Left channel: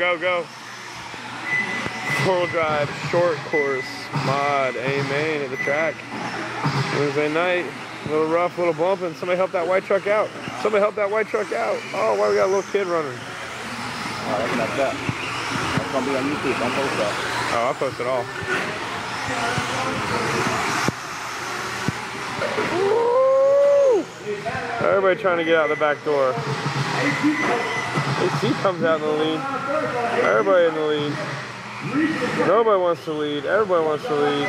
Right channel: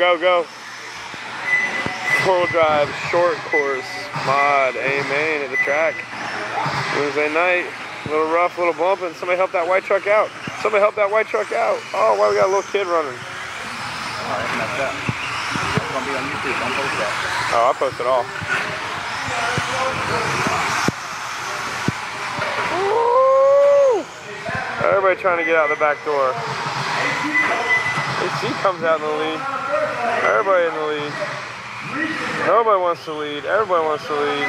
Go, go. 4-wheel drive, short course, mod, amen, at the track. Wednesday night, a little rough, a little bumping. Somebody help that white truck out. Somebody help that white truck out. Oh, why we got a little kid running? Alright, that's that. It's going to be on YouTube. Don't post that. Oh, I'll post it all. Woo! Everybody trying to get out the back door. AC comes out in the lead. Everybody in the lead. Nobody wants to lead. Everybody wants to lead.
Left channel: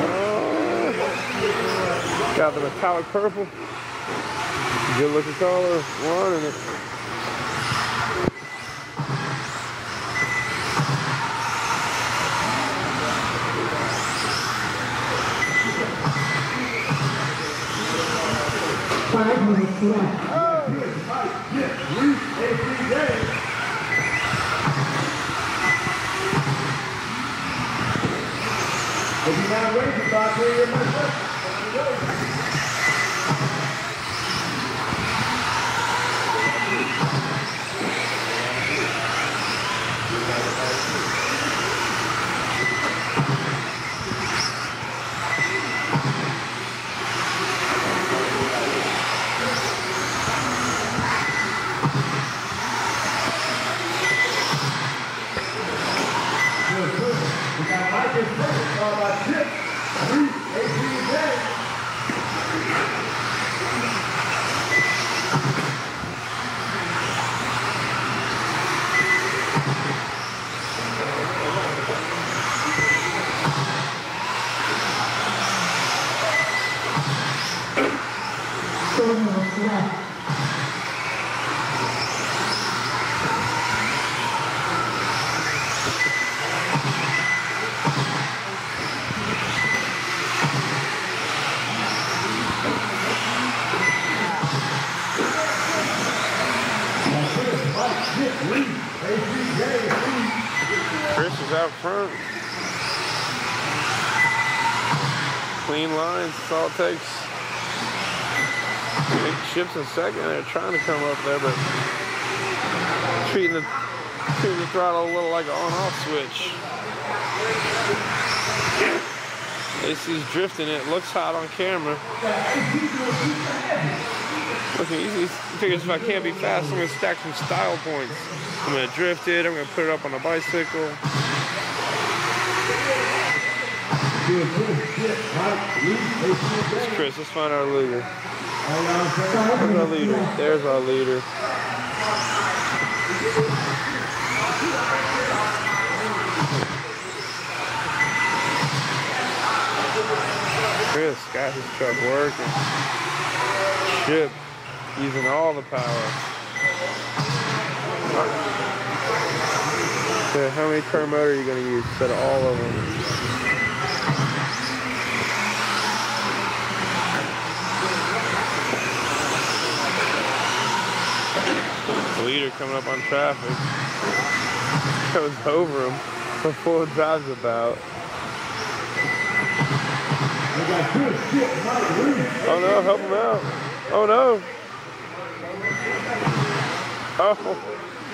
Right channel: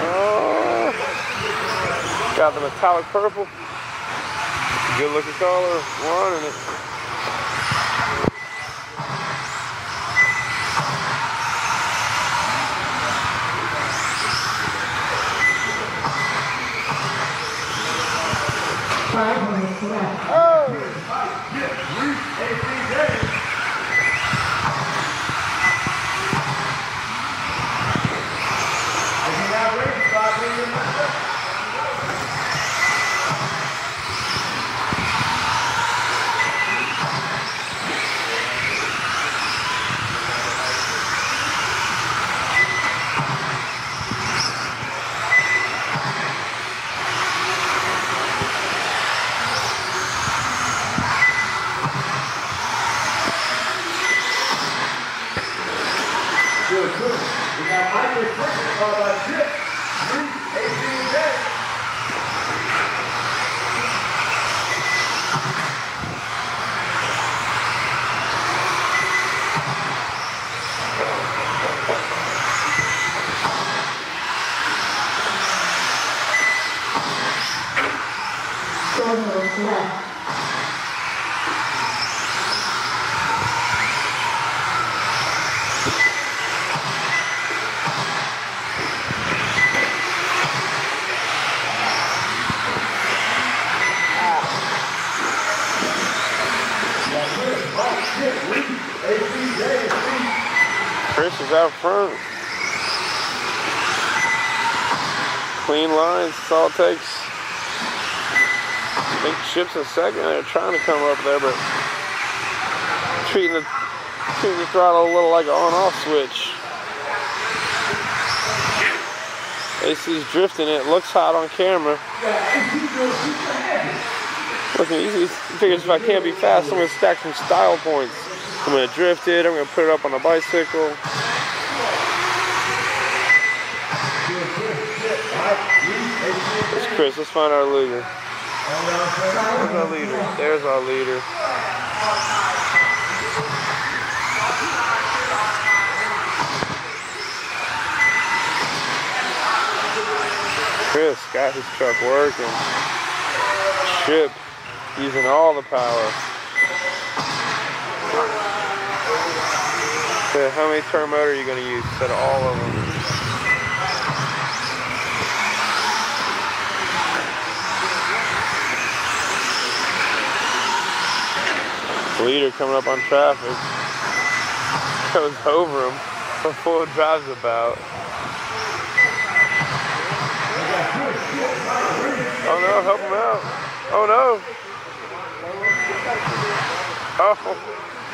Oh, got the metallic purple. Good looking color. Running it. We got Mike and Chris, followed by Chip, Reese, AJ. Chris is out front. Clean lines, that's all it takes. I think Chip's in second. They're trying to come up there, but treating the throttle a little like an on-off switch. AC's drifting it. Looks hot on camera. Looking easy. He figures if I can't be fast, I'm going to stack some style points. I'm going to drift it. I'm going to put it up on a bicycle. It's Chris. Let's find our leader. Where's our leader? There's our leader. Chris got his truck working. Chip using all the power. So how many turn motor are you going to use instead of all of them? Leader coming up on traffic. Goes over him. The full drive's about. Oh no, help him out. Oh no. Oh, help.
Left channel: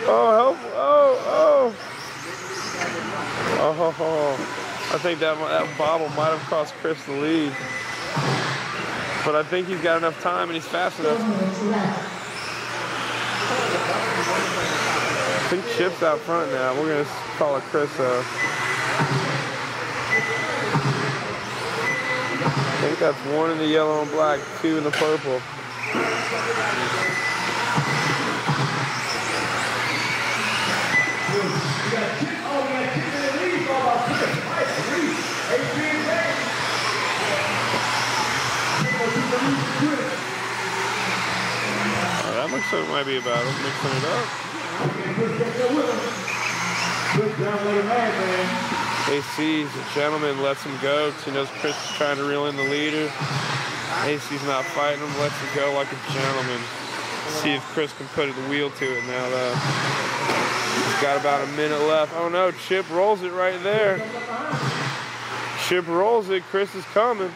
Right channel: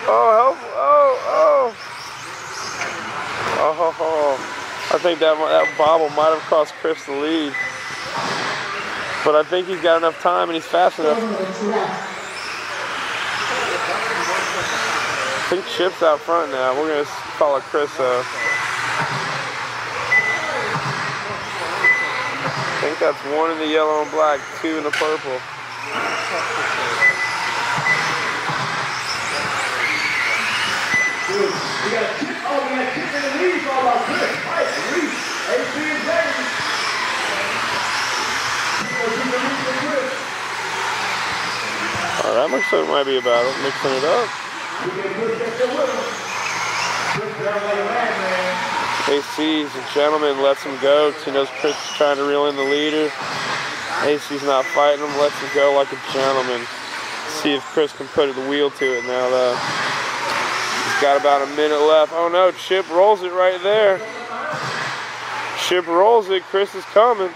Oh. I think that bobble might have cost Chris the lead. But I think he's got enough time and he's fast enough. I think Chip's out front now. We're going to call it Chris up. I think that's 1 in the yellow and black, 2 in the purple. Oh, that looks like it might be about it. Mixing it up. AC's a gentleman, lets him go because he knows Chris is trying to reel in the leader. AC's not fighting him, lets him go like a gentleman. See if Chris can put the wheel to it now, though. He's got about a minute left. Oh no, Chip rolls it right there. Chip rolls it. Chris is coming.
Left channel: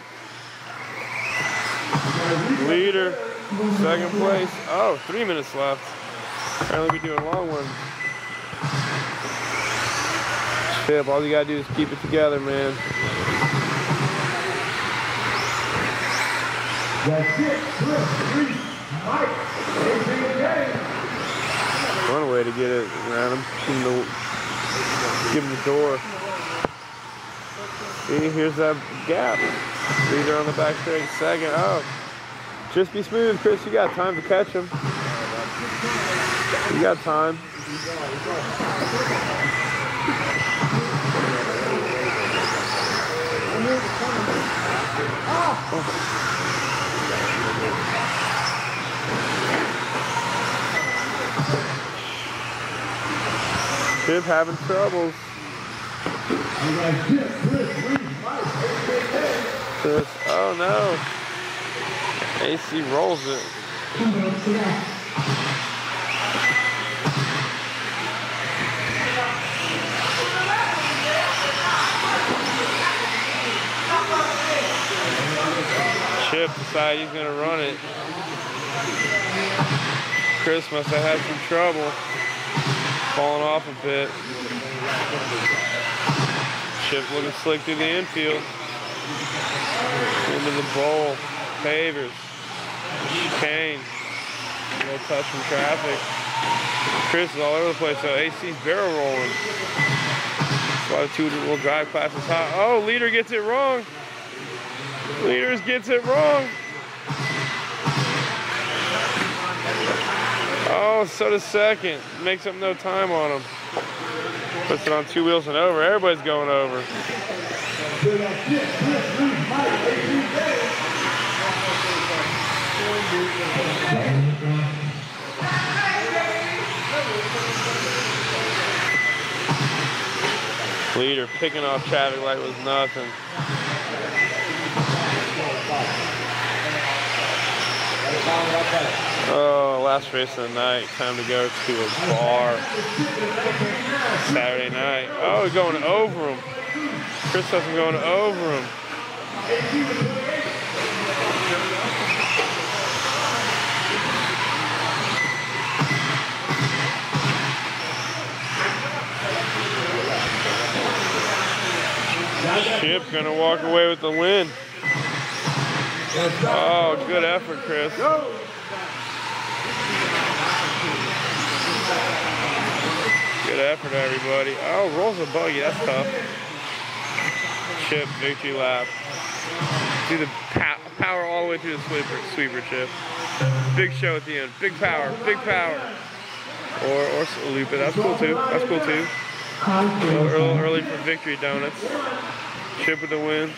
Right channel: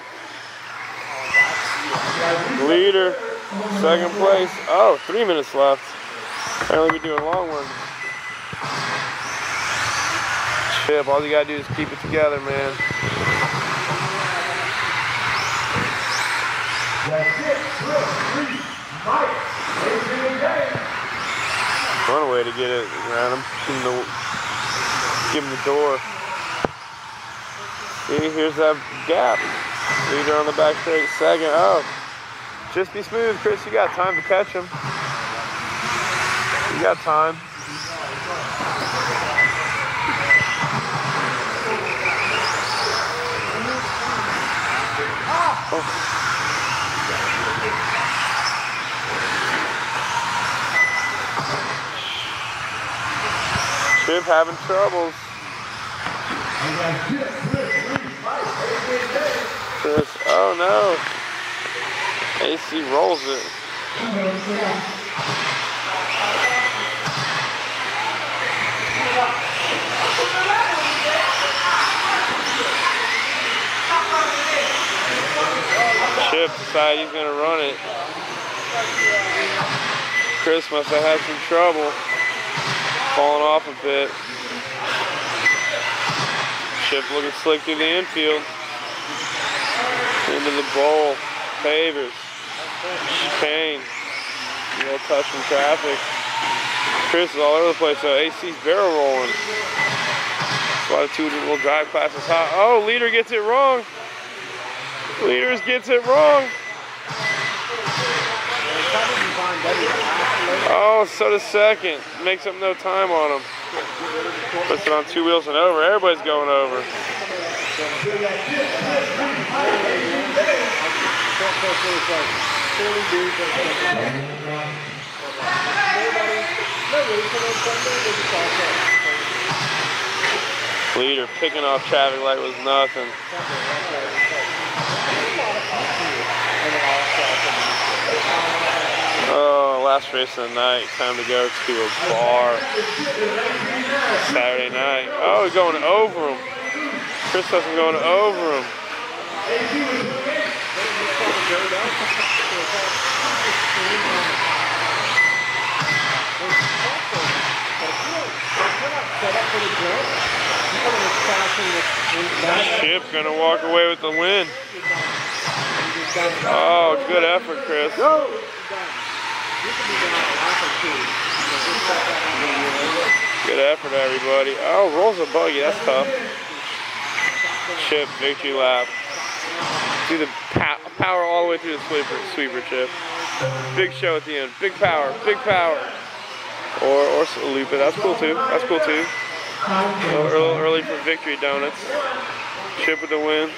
Leader Second place. Oh, 3 minutes left. Apparently we're doing long ones. Chip, all you gotta do is keep it together, man. That's it. Chris, Reese, Mike, Adrian James. One way to get it around him. Give him the door. See, here's that gap. Leader on the back straight, second. Oh, just be smooth, Chris. You got time to catch him. You got time. Oh. Chip having troubles. Chris, oh no. AC rolls it. Chip decided he's gonna run it. Chris must have had some trouble. Falling off a bit. Chip looking slick through the infield. Into the bowl. Pavers. Chicane. A little touch from traffic. Chris is all over the place, so AC's barrel rolling. That's why the two-wheel drive class is hot. Oh, leader gets it wrong. Leaders gets it wrong. Oh, so does second. Makes up no time on him. Puts it on two wheels and over. Everybody's going over. Leader picking off traffic like it was nothing. Oh, last race of the night. Time to go to a bar. Saturday night. Oh, we're going over him. Chris doesn't going over him. Chip gonna walk away with the win. Oh, good effort, Chris. Good effort, everybody. Oh, rolls a buggy. That's tough. Chip, victory lap. Do the power all the way through the sweeper, Chip. Big show at the end. Big power, big power. Or loop it. That's cool too. That's cool too. A little early for victory donuts. Chip with the win.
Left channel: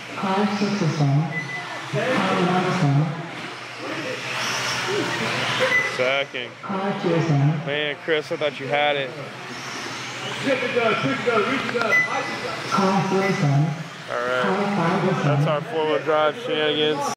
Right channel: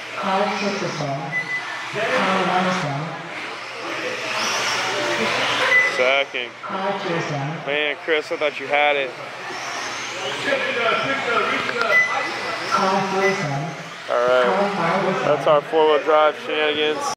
Second. Man, Chris, I thought you had it. All right. That's our four-wheel drive shenanigans.